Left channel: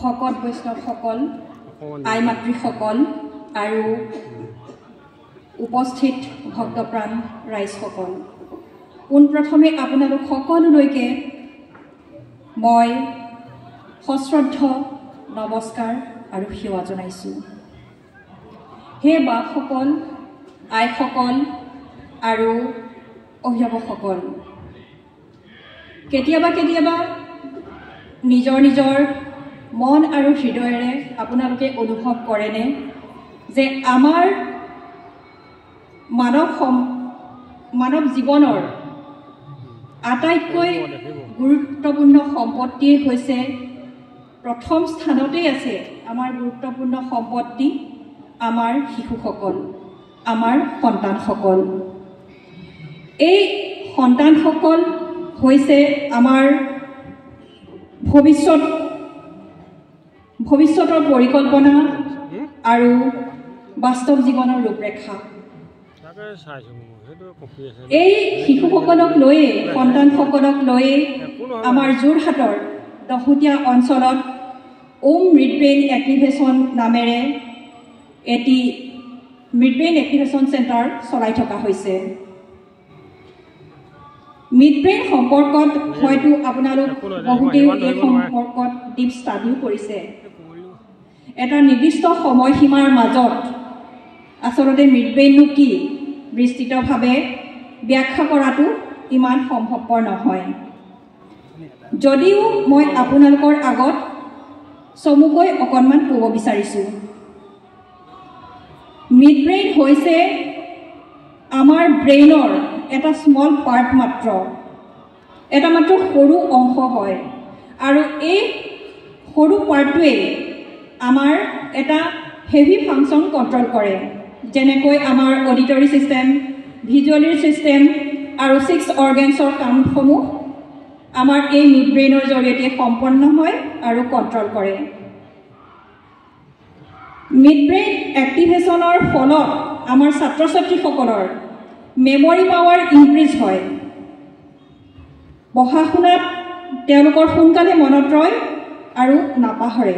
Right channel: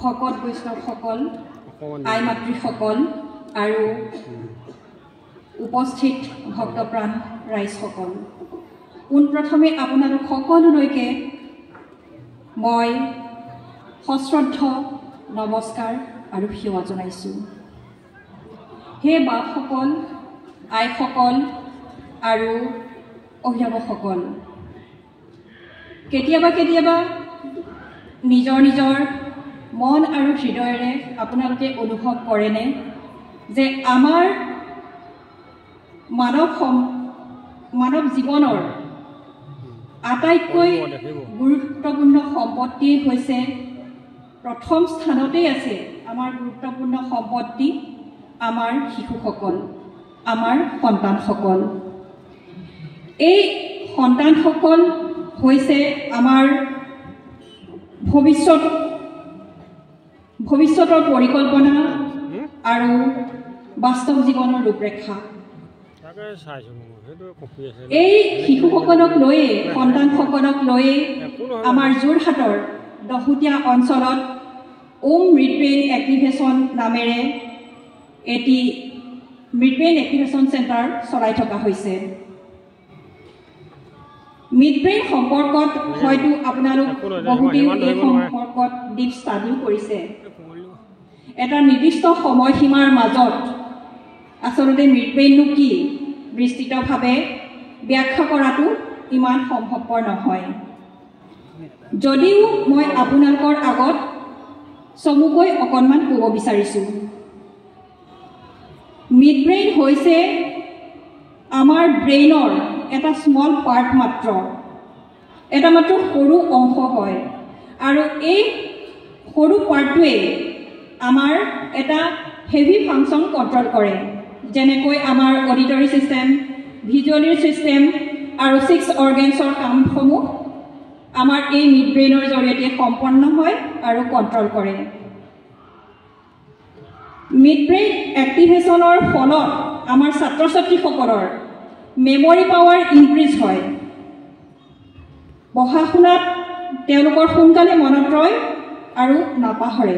ভকত বৈষ্ণৱসকল আই মাতৃসকল আৰু উপস্থিত ভক্তপ্ৰাণ ৰাইজসকল পোনপ্ৰথমে আপোনালোক সকলোলৈকে মই সশ্ৰদ্ধ নমস্কাৰ আৰু সেৱা জনাইছোঁ। হে বাপসকল, আইসকল আৰু অভিভাৱকসকল, কেতিয়াবা কেতিয়াবা নিজৰ নিজৰ মন আৰু হৃদয়েৰে আপোনালোকে অনুভৱ কৰেনে যে আমাৰ মানৱ জীৱনৰ আটাইতকৈ গুৰুত্বপূৰ্ণ সম্পত্তিয়ে হৈছে প্ৰথম স্থানতেই আছে আমাৰ গুৰুত্বপূৰ্ণ সম্পত্তি আমাৰ শিশুসকল, আমাৰ সন্তানসকল। এই সন্তানসকল হৈছে আমাৰ ভৱিষ্যতৰ পৰিকল্পনা আৰু বাস্তৱ জীৱনৰ ৰূপৰেখা। এই শিশুসকলক লৈয়ে সন্তানসকলক লৈয়ে আমাৰ যোৰহাটৰ দহোটীয়া অঞ্চলত মৃদব্ৰেইন এক্টিভেশ্যন নামেৰে এটি মৃদব্ৰেইন এক্টিভেশ্যন চেণ্টাৰ চলাই থকা হৈছে। মৃদব্ৰেইন সম্পৰ্কত হয়তো আপোনালোক বহুতেই এই সম্পৰ্কত ডিপ ষ্টাডিও কৰিছে। এটা নিৰ্দিষ্ট সময়সীমাৰ মাজত আচলতে মৃদব্ৰেইননো কি বিস্তৃতভাৱে ব্যাখ্যা কৰাটো ইমান সম্ভৱপৰ নহয়। যদিও মই আপোনালোকৰ আগত চমুকৈ অকণমান ক'ব বিচাৰিছোঁ, মিডব্ৰেইন হৈছে আমাৰ ব্ৰেইনৰ এটা স্মল পাৰ্ট মাত্ৰ, এটা মাত্ৰ সৰু অংশ হয় আৰু এই সৰু পাৰ্টটোৱে আমাৰ এটা হেভি ফাংচন কণ্ট্ৰল কৰে, যেনেকৈ আমাৰ অডিটৰী ছিষ্টেম, ভিজুৱেলাৰী ছিষ্টেম আৰু 6 অৰ্গেনছৰ কামসমূহ আমাৰ এই মিডব্ৰেইনৰ জৰিয়তে সম্পন্ন হয় আৰু কণ্ট্ৰল কৰে। মিডব্ৰেইন এক্টিভেশ্যনৰ ফলত আমাৰ ছাত্ৰ ছাত্ৰীসকলৰ মেমৰি পাৱাৰ ইনক্ৰিজ হয়, পঢ়া শুনাত তেওঁলোকৰ সোনকালে মনত ৰয় আৰু নাপাহৰে,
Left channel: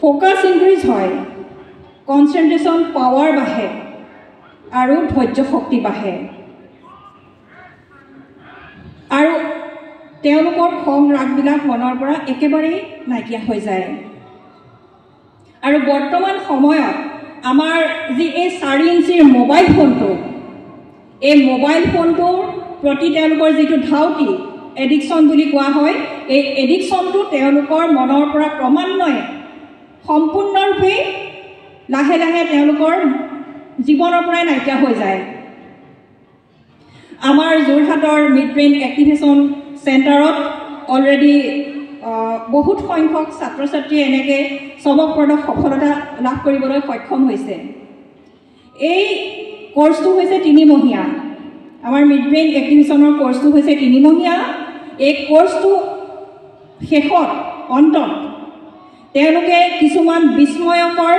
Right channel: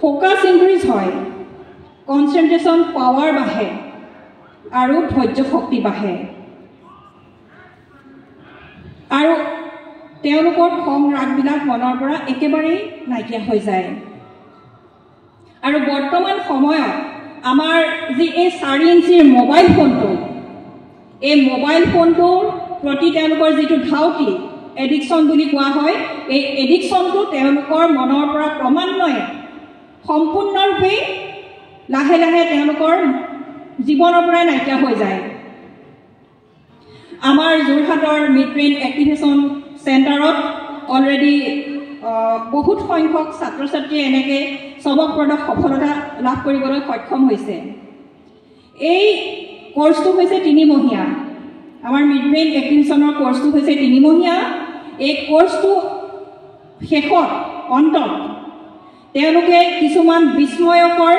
ফ'কাছ ইনক্ৰিজ হয়, কনচেনট্ৰেশ্যন পাৱাৰ বাঢ়ে আৰু ধৈৰ্য শক্তি বাঢ়ে আৰু তেওঁলোকৰ খং ৰাগবিলাক মনৰ পৰা একেবাৰেই নাইকিয়া হৈ যায়। আৰু বৰ্তমান সময়ত আমাৰ যি এই 4 ইঞ্চিৰ মোবাইল ফোনটো, এই মোবাইল ফোনটোৰ প্ৰতি তেওঁলোকৰ যিটো ধাউতি, এডিকশ্যন বুলি কোৱা হয়, এই এডিকশ্যনটো তেওঁলোকৰ মনৰ পৰা ক্ৰমান্বয়ে সম্পূৰ্ণৰূপে লাহে লাহে তেওঁলোকৰ জীৱনৰ পৰাই নাইকিয়া হৈ যায়। আমাৰ যোৰহাটৰ মিডব্ৰেইন এক্টিভেশ্যন চেণ্টাৰত অলৰেডি বহুত সংখ্যক ছাত্ৰ ছাত্ৰীয়ে এনেকৈ চমকপ্ৰদ সফলতা লাভ কৰিবলৈ সক্ষম হৈছে। এই কোৰ্চটো হৈছে 3 মহীয়া। আমাৰ মিডব্ৰেইন এক্টিভেশ্যনৰ কোৰ্চটো হৈছে 3 মহীয়া। এই কোৰ্চটো শেষত অন্তত তেওঁলোকে কিছুমান বিস্ময়কৰ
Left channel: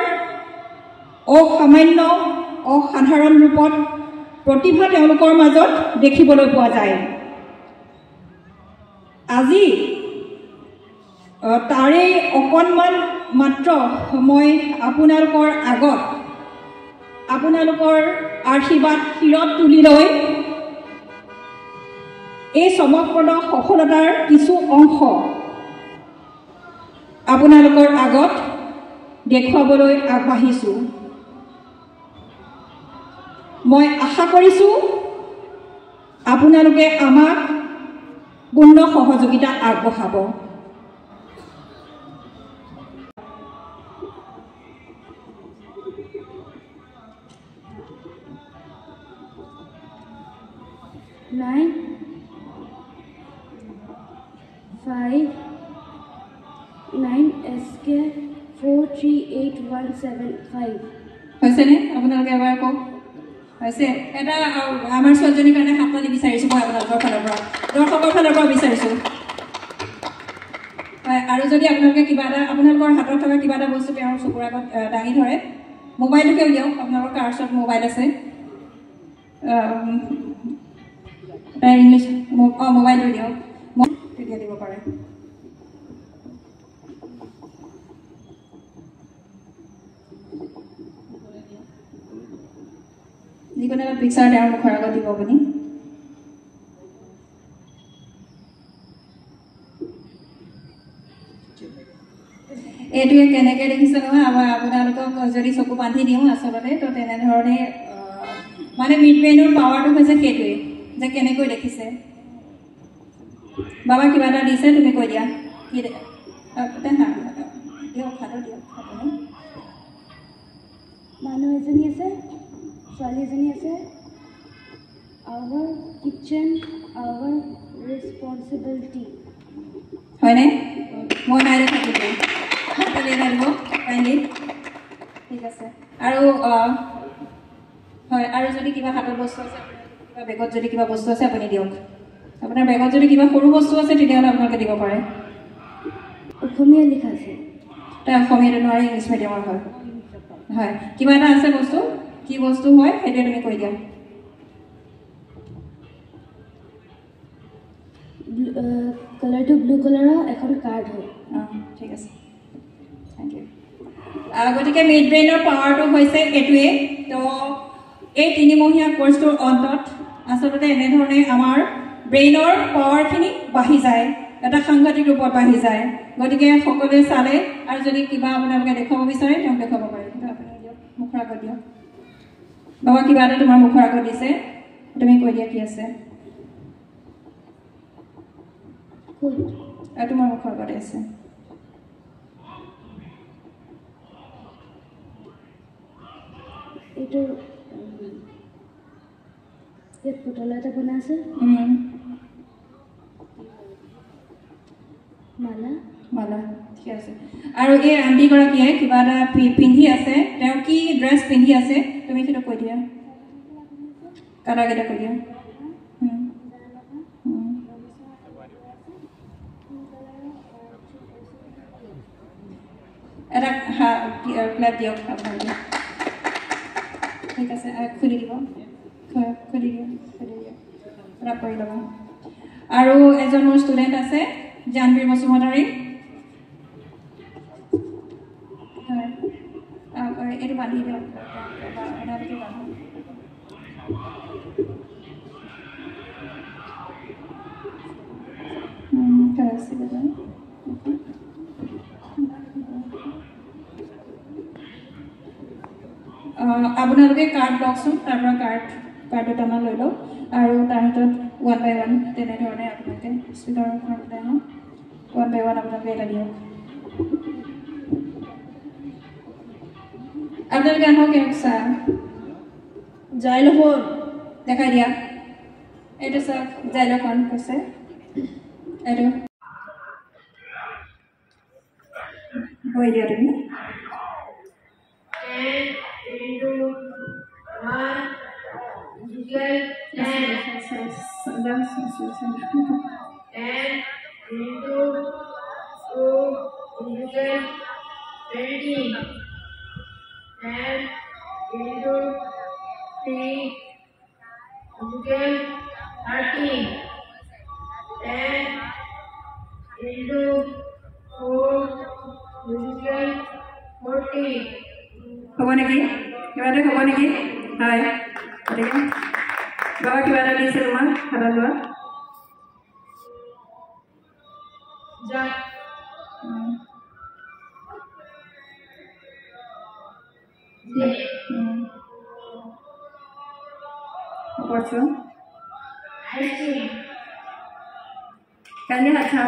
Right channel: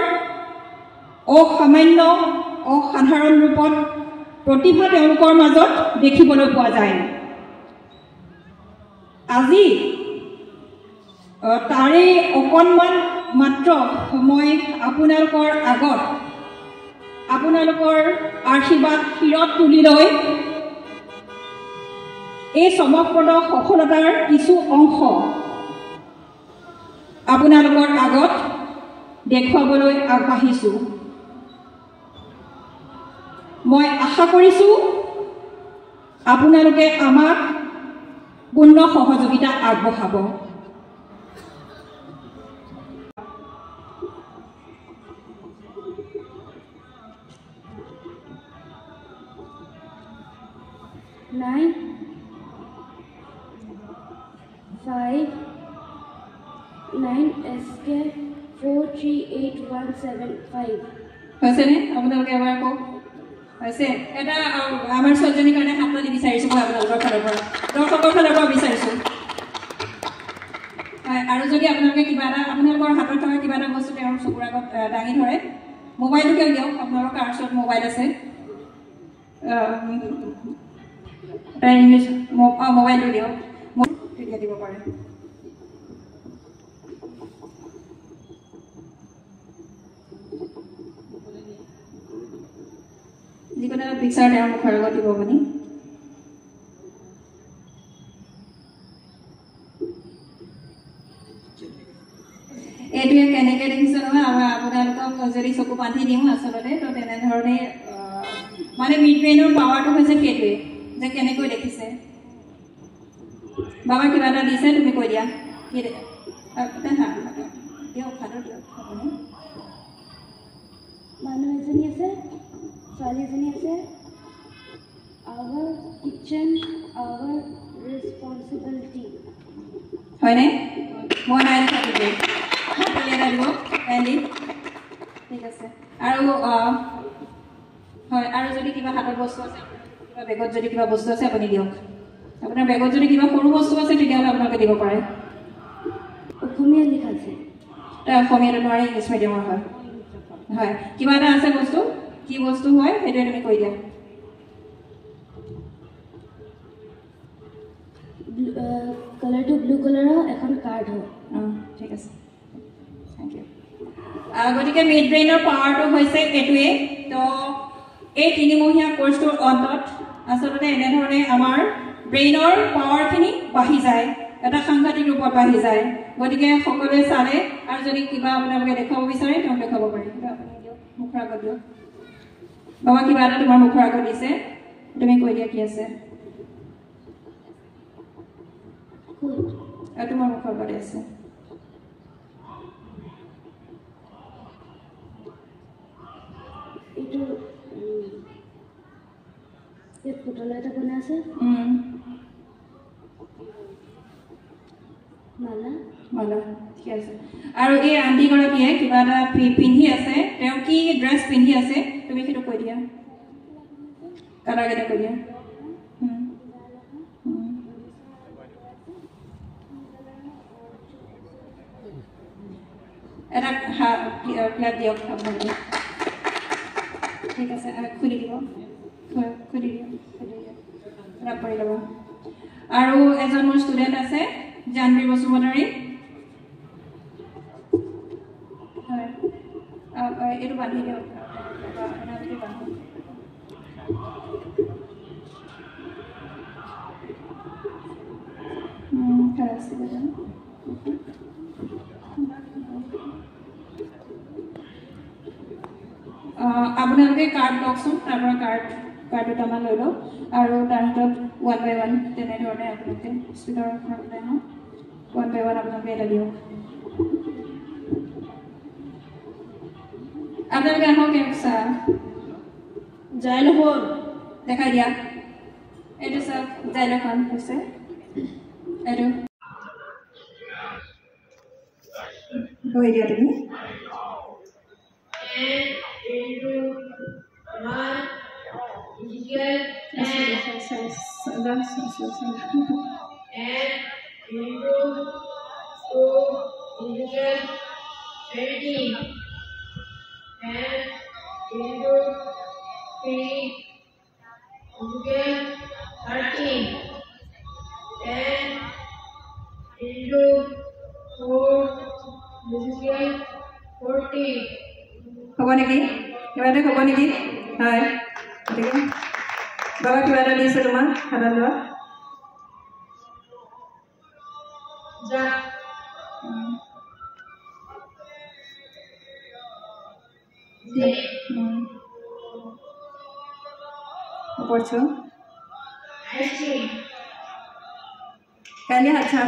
অসাধাৰণ ৰূপত প্ৰতিভা তেওঁলোকৰ মাজত দেখিবলৈ পোৱা যায়। আজি তাৰে অকণমান মাত্ৰ সময় আপোনালোকৰ আগত আপোনালোকৰ আশীৰ্বাদ শিৰত তুলি লৈ এই চমকপ্ৰদ সফলতাৰ কিছু অংশ আপোনালোকৰ আগত দেখুৱাবলৈ আগবাঢ়িছোঁ। মই আশা কৰিছোঁ আপোনালোকে আমাক পূৰ্ণ সহযোগিতা আগবঢ়াব। হৈছেনে? আপোনালোকে এবাৰ কওক। হৈছে এটা আমাৰ ছোৱালীজনীৰ কাৰণে হাততালি বিচাৰিছোঁ মই আপোনালোকৰ ফালৰ পৰা, দৰ্শকৰ ফালৰ পৰা বিচাৰিছোঁ। আৰু যদি আপোনালোকে কিবা এটা আপোনালোকৰ হাতত থকা কিবা এটা বস্তু তেওঁৰ চকুৰ আগত দাঙি ধৰে, মোবাইলটোকে উলিয়াওক, আপোনালোকৰ কাৰ ওচৰত মোবাইল আছে, ইংলিছ মোবাইলটো দিয়ক, তেতিয়া দিব পাৰে। যিকোনো এটা পিকচাৰ তেওঁৰ মুখৰ আগত দিব আপুনি এইটোৱে কেনেকৈ দেখিছে নহয় আপোনালোকক যদি চকু বান্ধি দিওঁ আচলতে তো তেনেধৰণে মানে মিড ব্ৰেইনৰ পাৱাৰটো হৈছে সেইটোৱে যে কেনেকৈ দেখিছে বাবা কিবা এটা দিছে তুমি কৈ দিয়া কি দিয়ক খাটো দিয়ক মানুহ এজনী আছে ছোৱালী এজনী আছে আৱাৰ কিচেন আৱাৰ ৰেছপনচিবিলিটি হয়নে মই নাই থাকিব কালি এটা দিব কাইণ্ডলি ঠিক আছে আৰু হয় আৰু যদি কিবা হাতত বস্তু আছে কিবা বেগত যদি কিবা বস্তু আছে আপুনি দিয়ক আপোনাৰ বেগত যদি কিবা সৰু বস্তু আছে তেতিয়াহ'লে আপোনালোকে দিব পাৰে অসমীয়া লিখা আছে তাৰ অসমীয়াটো নোৱাৰে ইংলিছ মিডিয়ামৰ হয় হয় কিবা এটা আছে বস্তু কি বস্তু হয় সেইটোৱে তুমি কৈ দিয়া কালাৰটো ব্লু কালাৰৰ এখন কাৰ্ড হয় ঠিক আছে থেংক ইউ গতিকে মিড ব্ৰেইনৰ পাৱাৰটো হৈছে এইটোৱে তো এই 3 মহীয়া কোৰ্চটোৰ অন্তত আচলতে এনেধৰণে আমাৰ ব্ৰেইনৰ পাৱাৰখিনি বাঢ়ি যায় এটা সাংঘাতিক ৰূপত বাঢ়ি যায় গতিকে সকলোৱে চালে আৰু যদি কিবা আপোনালোকে দেখুৱাব বিচাৰে তেওঁক দেখুৱাব পাৰে কিন্তু আপুনি দিয়ক মুখৰ আগত দিয়ক বাবা কিবা এটা তোমাৰ মুখৰ আগত দিছে তুমি কৈ দিয়া কি আছে আৰু তোমাৰ মুখৰ আগতে আছে এইটো ইয়াত পুতলা এটা বনাই আছে মালা মালা ঠিক আছে আৰু এই আণ্টিগৰাকীয়ে কিবা এটা পিন্ধি আছে তেওঁ কি ড্ৰেছ পিন্ধি আছে তুমি সেইটো কৈ দিয়া কালাৰকেইটা কৈ দিয়া এটা ক্লাপ দিয়ক আপোনালোকে ঠিক আছে খুলি দিব খুলি দিয়া ক্লাপ কৰি ল'ব আৰু এজন মোৰ ষ্টুডেণ্ট আছে জানবীৰ বসুমতাৰী হয় এইটো বান্ধি দিয়ক আপোনালোকে কাৰ্ড লওকচোন তাৰ পৰা কাৰ্ড দুটামান লৈ লওক আৰু তাৰ হাতত 1 by 1 তেনেধৰণে আপোনালোকে স্পীডৰ ওপৰত 1 by 1 আপোনালোকে এটা দিয়ক আপোনালোকে আহক চাওক জাইলোফোন দেখাই দিয়া এইটো চাওক জাইলোফোন হৈছে এইটো কৈ দিয়া তুমি হ'ব নেকি কিবা এটা হ'ব নেকি হয় গতিকে বাবা কিবা এটা দিছে তোমাক খালা লোৱা কালি আচ্ছা